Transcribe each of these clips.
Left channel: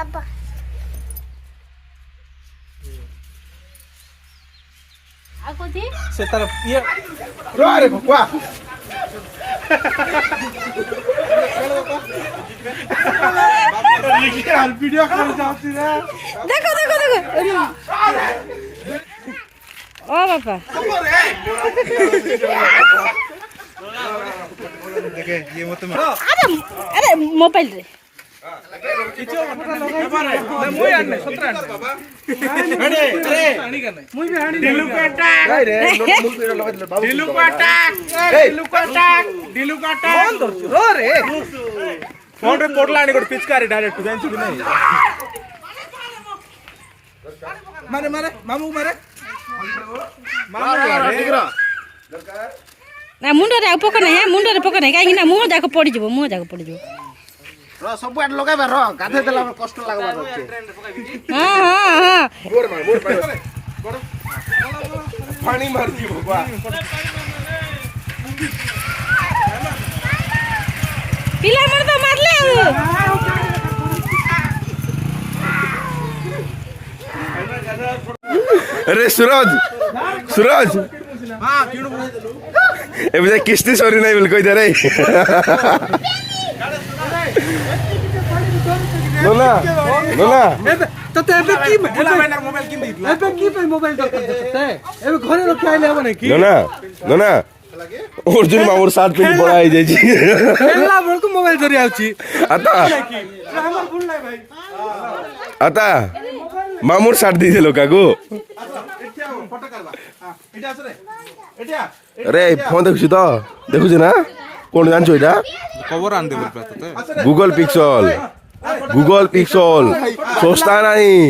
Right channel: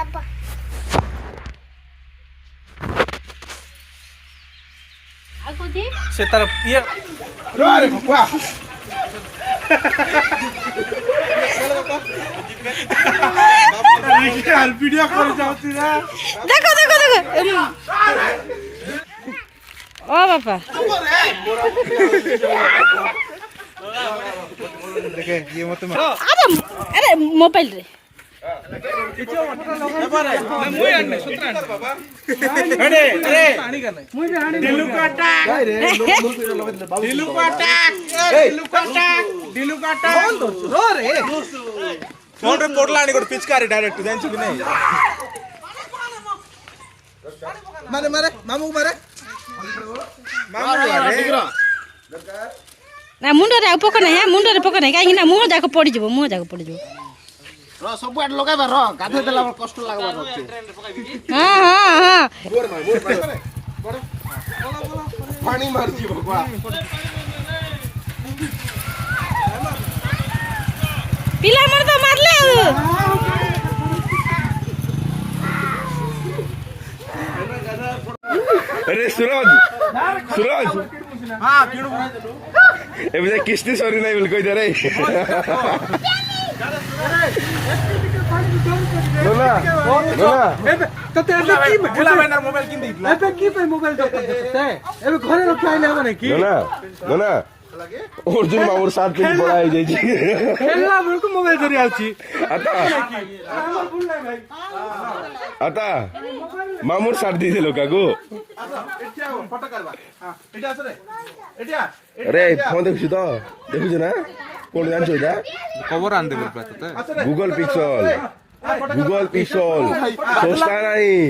बाबा आकुदी से तार ये रे भगवा देखिए हाल वीडियो कर जाती है देखो देखो देखो ओ बापा देखे ये मत मार अरे अरे मोबाइल रे पिचकारी डायरेक्ट मारे मारे मामू मारे ना मुंड रे पक नहीं है मुंड रे पक नहीं कहीं ना मुंह जाको पड़ी जबो मुंह जाको पड़ी जबो र सब आड लगाइबा र गाधे देला कष्ट लागबा रछे हां हां हां बोर पानी मार दी भगवा पिला मन तो मार ले अरे सूरज सूरज हां किणु एबे किस्ती सरी नहीं बिल्कुल इधर है नोना नोना तते एबे की गुला मैनर मोबाइल किन दितला एबे की पे मोबाइल दे तते एबे घरे रखाइले हो ने की नोना नोना अर्जुन मामुर साथ पे बड़ा आई जाई खेलला भर को मोबाइल धरि आउची आता हमर फोन नै भाई आता मामुर साथ दी दे लोका को एठिया फोटो करबा हां एठिया आछ रे एठिया अरे फोन देखु तो देखु ना कोन जानछो इटा कवर आन दे बोल पे तते गूगल पिक्सल सोचता नहीं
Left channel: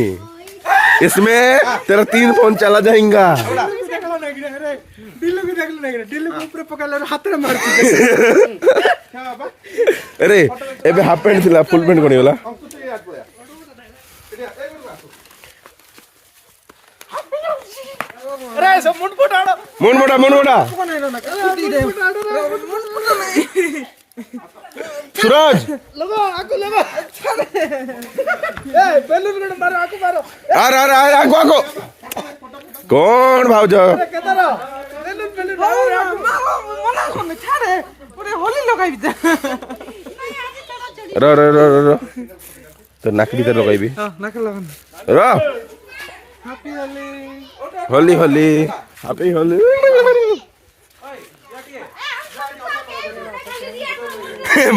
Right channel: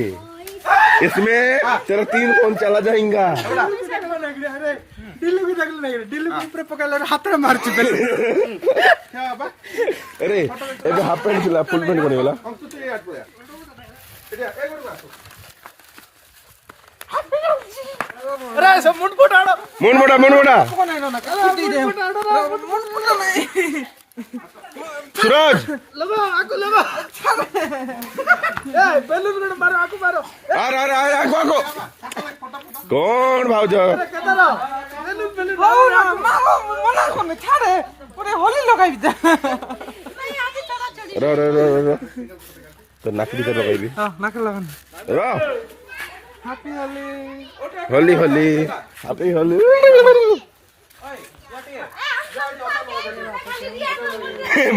इसमें तेरा 3 फोन चला जाएगा दिल्लू को देख ले दिल्लू को ऊपर पकड़ ले हाथ में मार ची क्या बा अरे एबे हाफ पैंट थिला फुल पैंट कोनी वाला अरे सब मुंड फटाड़ो मन मोटा कोन है ना मुंड फटा नहीं सूरज लबा आको लबा ए बेलून को मारो आको मारो अरे आको कौन भाउजो केतरा बेलून बेलून मामा मना कोन छाड़े ओरे होली लगाई दे र तो नाक भीतर लगाइबी हां नाक लगान र हैप्पी होली होली हैप्पी होली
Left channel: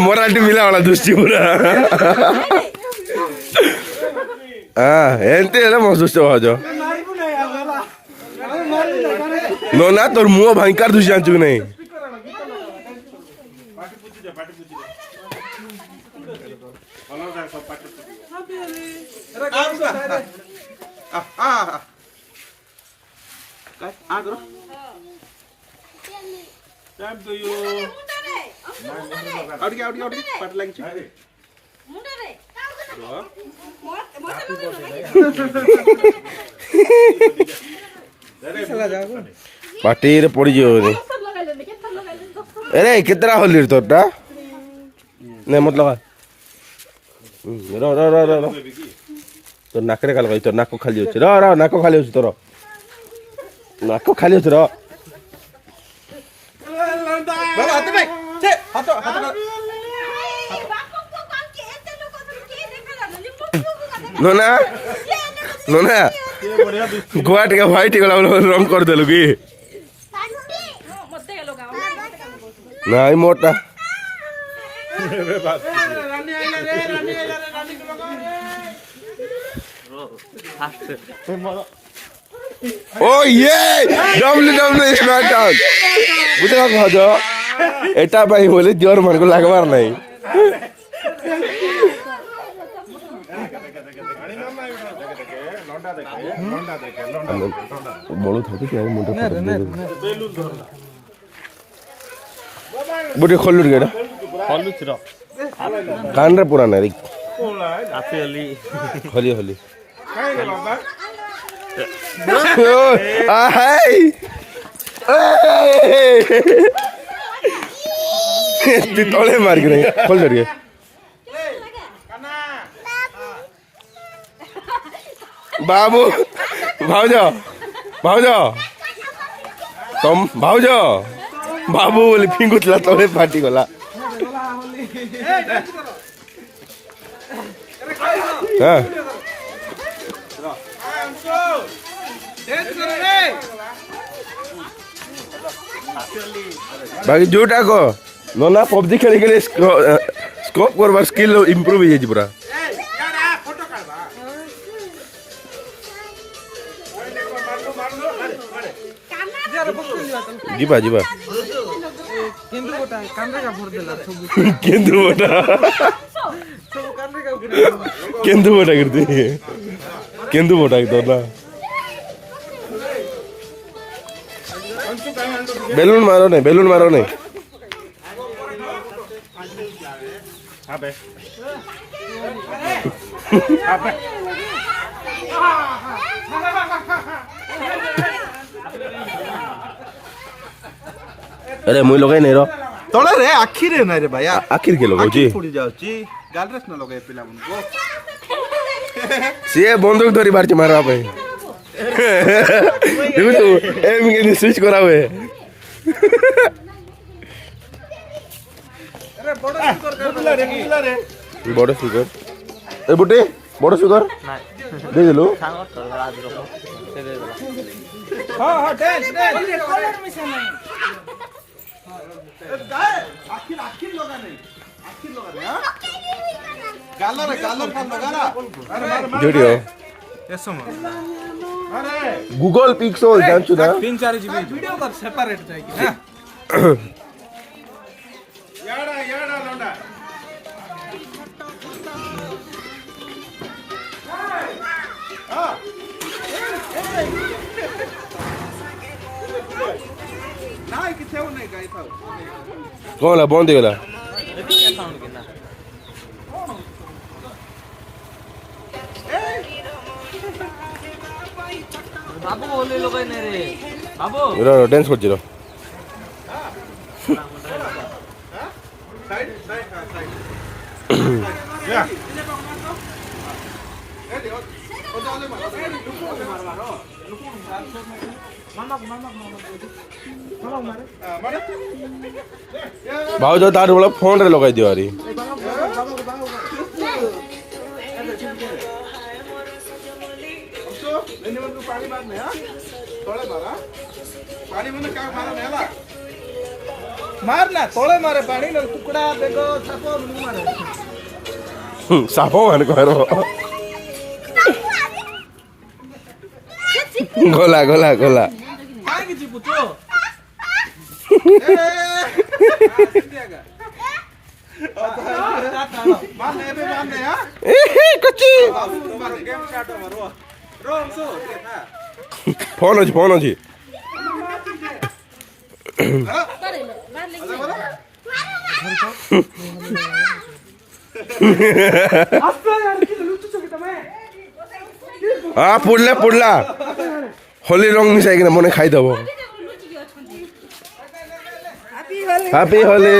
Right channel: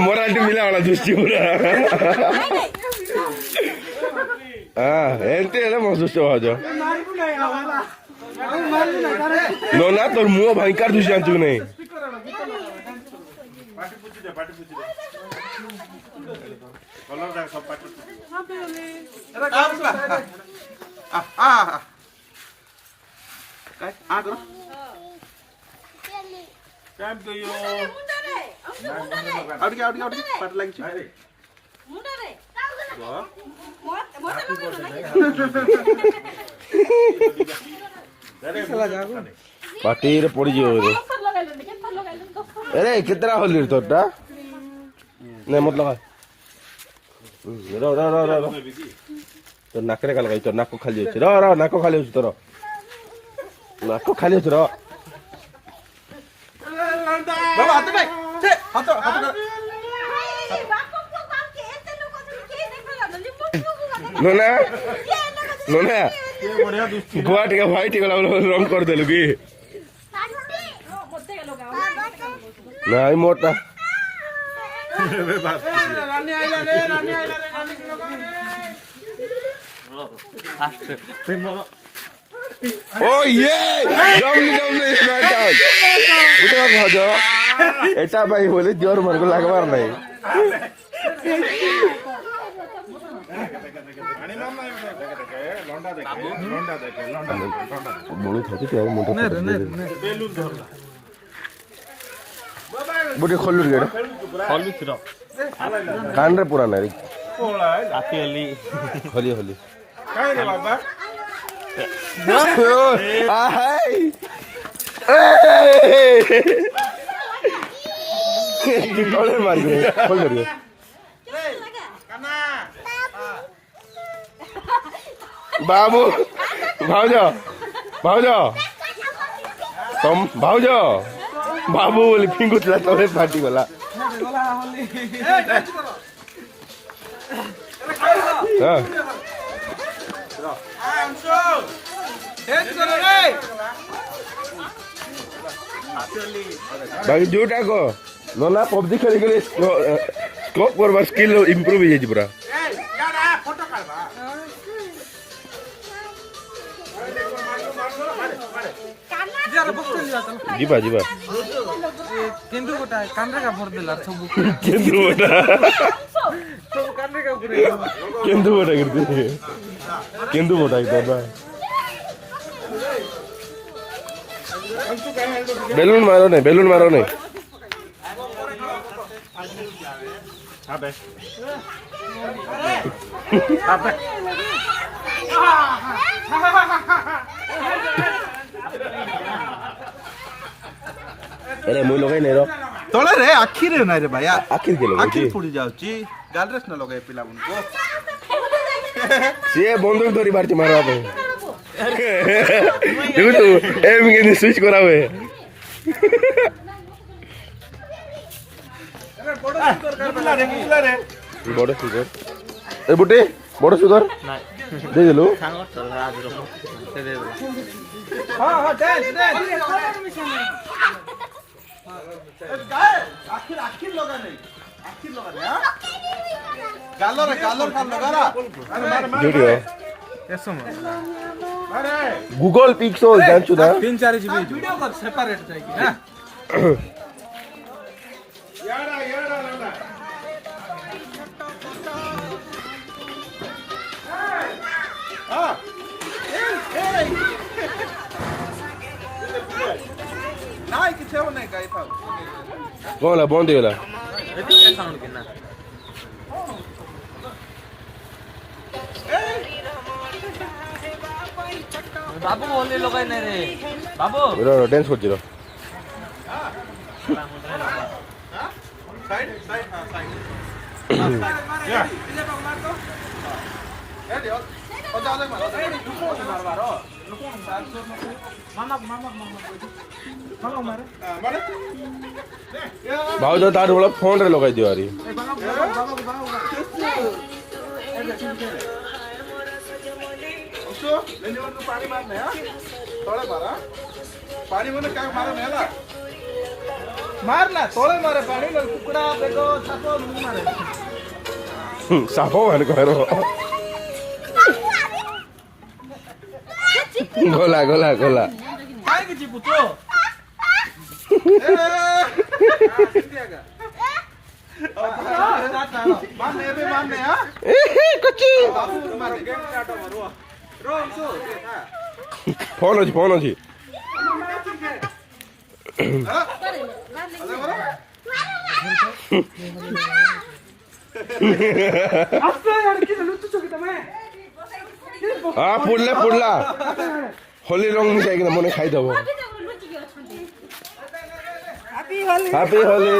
मोराटी मिला वाला दृष्टि पूरा हाँ एंते है ना महसूस हो जाओ नो ना तोर मुंह भयंकर दुष्ट जान चुक नहीं काम तो यो आउट पाट लागि छ मुंड रे पार्टी रे पड़ी जो रे अरे कितना होली रे तोटा नहीं मत लगा रो तो नाक रे लगा तो नाक खाली होछ रो नाक खाली होछ तोर नाक खाली होछ रो बाबा हाथ में छे हाथ नोना गोवा टिका व्हाइट गला रंग कर देलु की नहीं मोटा ओ ये WWE स्मैकडाउन बुझा भाजो एटा भाई बोले जोर मन को लागबार नहीं बोलू था कि मुंडे बुढ़े खोल लुट गया हलु छ र कान रे पुराना रे हैप्पी होली होली काय रे बाबा हाय तोले मार गए खोल दे ବାବୁ ଭାଉଜ ଭାଉଜ ତମ ଭାଉଜ ବାବୁ ବୋଲି ଫିଙ୍ଗୁଥିଲା ତଳେ ଫାଟିଗଲା ହଁ ବାକି ଯୋଉଟା କହ ନନା ପବଜି ଖେଳି ଖେଳି ସ୍କୋପ୍ କରବାର ସ୍କିଲ୍ ଇମ୍ପ୍ରୁଭ୍ ହେଇଯାଇଛି ପୁରା ଯିବା ଯିବା କେନ୍ଦୁ ଗୋଟା କାଣ୍ଡରେ କାପଡ଼ ଦେଲା ସବୁ କେନ୍ଦୁ ବଟା ସବୁ କାଣ୍ଡରେ କାପଡ଼ କେନ୍ଦୁ ବଟା करते କେନ୍ଦୁ ବଟା एकदम ना बेलून मारो नहीं अरे मुई लगे नहीं रो ତଳେ ରେ ଆଖିରେ ନାଇଁ ରେ ଭାଇ आखिर के ଆଖି लोग ପୋଡି ଯାଉଛି ଗାଲରେସ୍ ନ ଲଗାଇ ପିଲାମାନଙ୍କୁ सी बंदूक धरी बारची मारवा पे देखो तो एम के स्विच करा हुए बड़ सुगर ए बुटे बड़ सुगर दे देलो हां हां डांस ଆଖି ଲଗା ନାହିଁ ଆଖି ଲଗା ନାହିଁ ଗାଲରେ ଗାଲର କାମ ଲଗାରା जोडियो ଏସମ गूगल पिक्सल जानछु ना 3-4 जीबी वीडियो कर सेपरेट जाई कि ना ନାଇଁ କିଛି ହେଉ ନାହିଁ ଗାଇ ଥାଉ कौन ला बंद गेला बाबू ओले लगाई नाही रे बाबू रो डांस कर जिरो भाव जो तार वाला फोन रे लगाई दियो आरी ତଳେ ମାରା ପାଣି ମାନେ କାହା ମାର ନେଲା मार ना तोळे मारे पाणी कुकडा बेग साप मारे सापो मान करो गोला गोला गोला काय की चिपू तो मारने बे मारने हां कच्ची मारने गेम स्टार्ट हो रो रो हमसो फोन अछि हाँ पुडला होली रंग मिसाई कि मने खाई दबो हैप्पी होली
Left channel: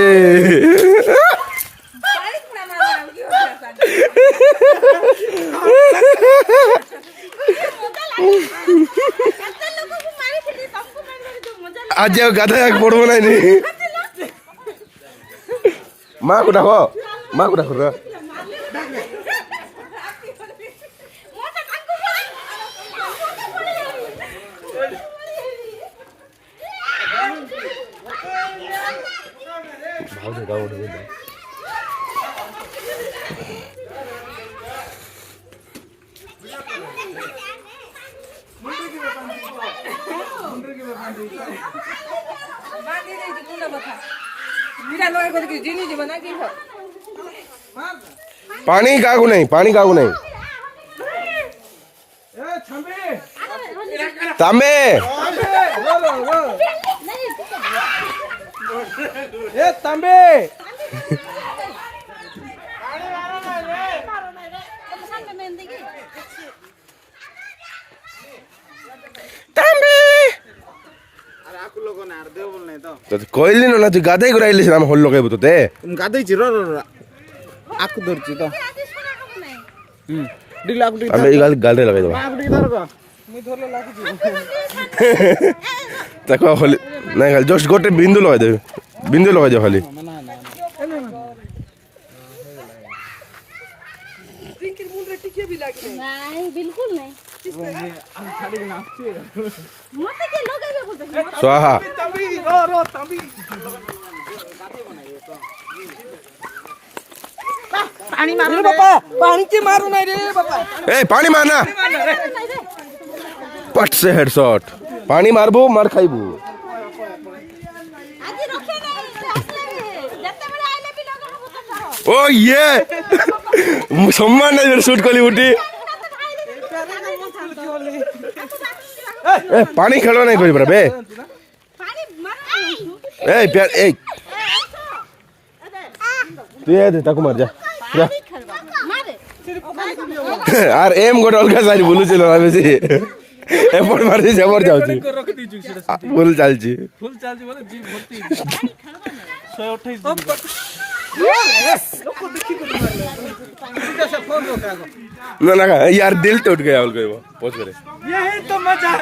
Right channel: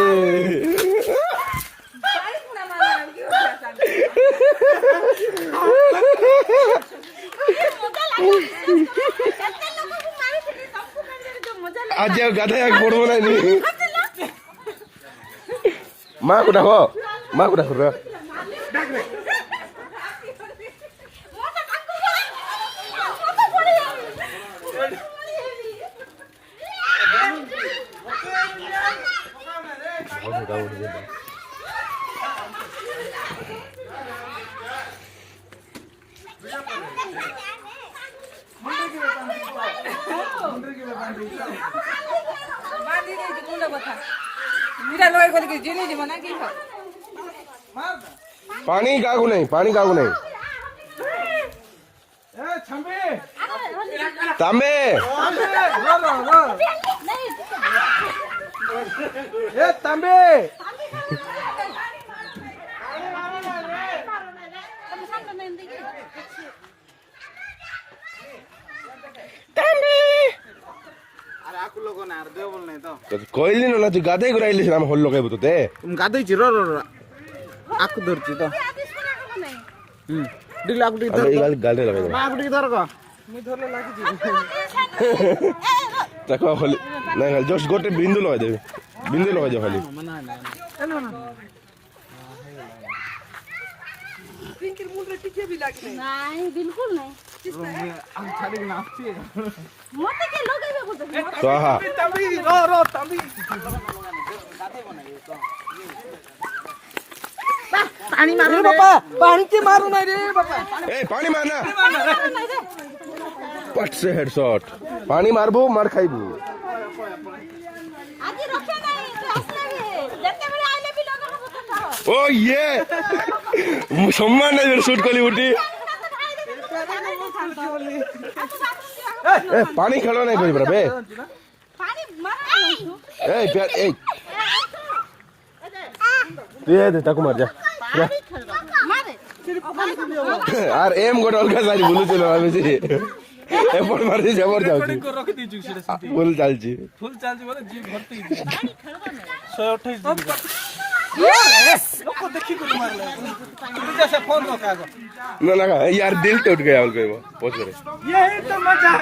आज गाधा पड़ो ना माँ को डाको रा पानी काकू नहीं ए छंबे तांबे रो रो रो ए तांबे अरे आकु लोग ना दे बोल नहीं तो कोइली न तू गाधै गुराइले हम होल लगाइबो तते तुम गादै छि रो रो आकु धरछि तो ଆମେ ଏଇ ଗାଲରେ ଲଗେଇଦେବା ତାକୁ ଖାଲି ନାଇଁ ଖାଲି ଜଷ୍ଟ ଗୋଟେ ବିନ୍ଦୁ ଲଗେଇଦେବେ ବିନ୍ଦୁ ଲଗେଇଦେବ ଖାଲି नहीं बिल्कुल नहीं मते के लगे बोलते स्वाहा पानी मारू बाबा पानी के मारू नहीं रे बाबा ए पानी मारना पट से हेडशॉट पानी मारबो मार खाइबो आज रखे नहीं क्लास लगे जते बड़े आइले भी लगा हम तो ओ ये सम्मान नहीं शूट कली उठी ए पानी खेलो नहीं कोई बे पानी मारा ए प्यार ए तू ये दे ताको मार जा मारे यार एम गोट अलगा सारी बोलू चलो आबे से एपट मार दे जबर जाउची रख दीजु सेटा फुल चालची फुल चार्ज वाला जी भर्ती पानी खेलबो नहीं 128 दिन लोग देखी को मारले ठीक से फोन लो का ना ना यार दिल टूट गया बोल कोई वो पहुंच करे यही तो मजा है।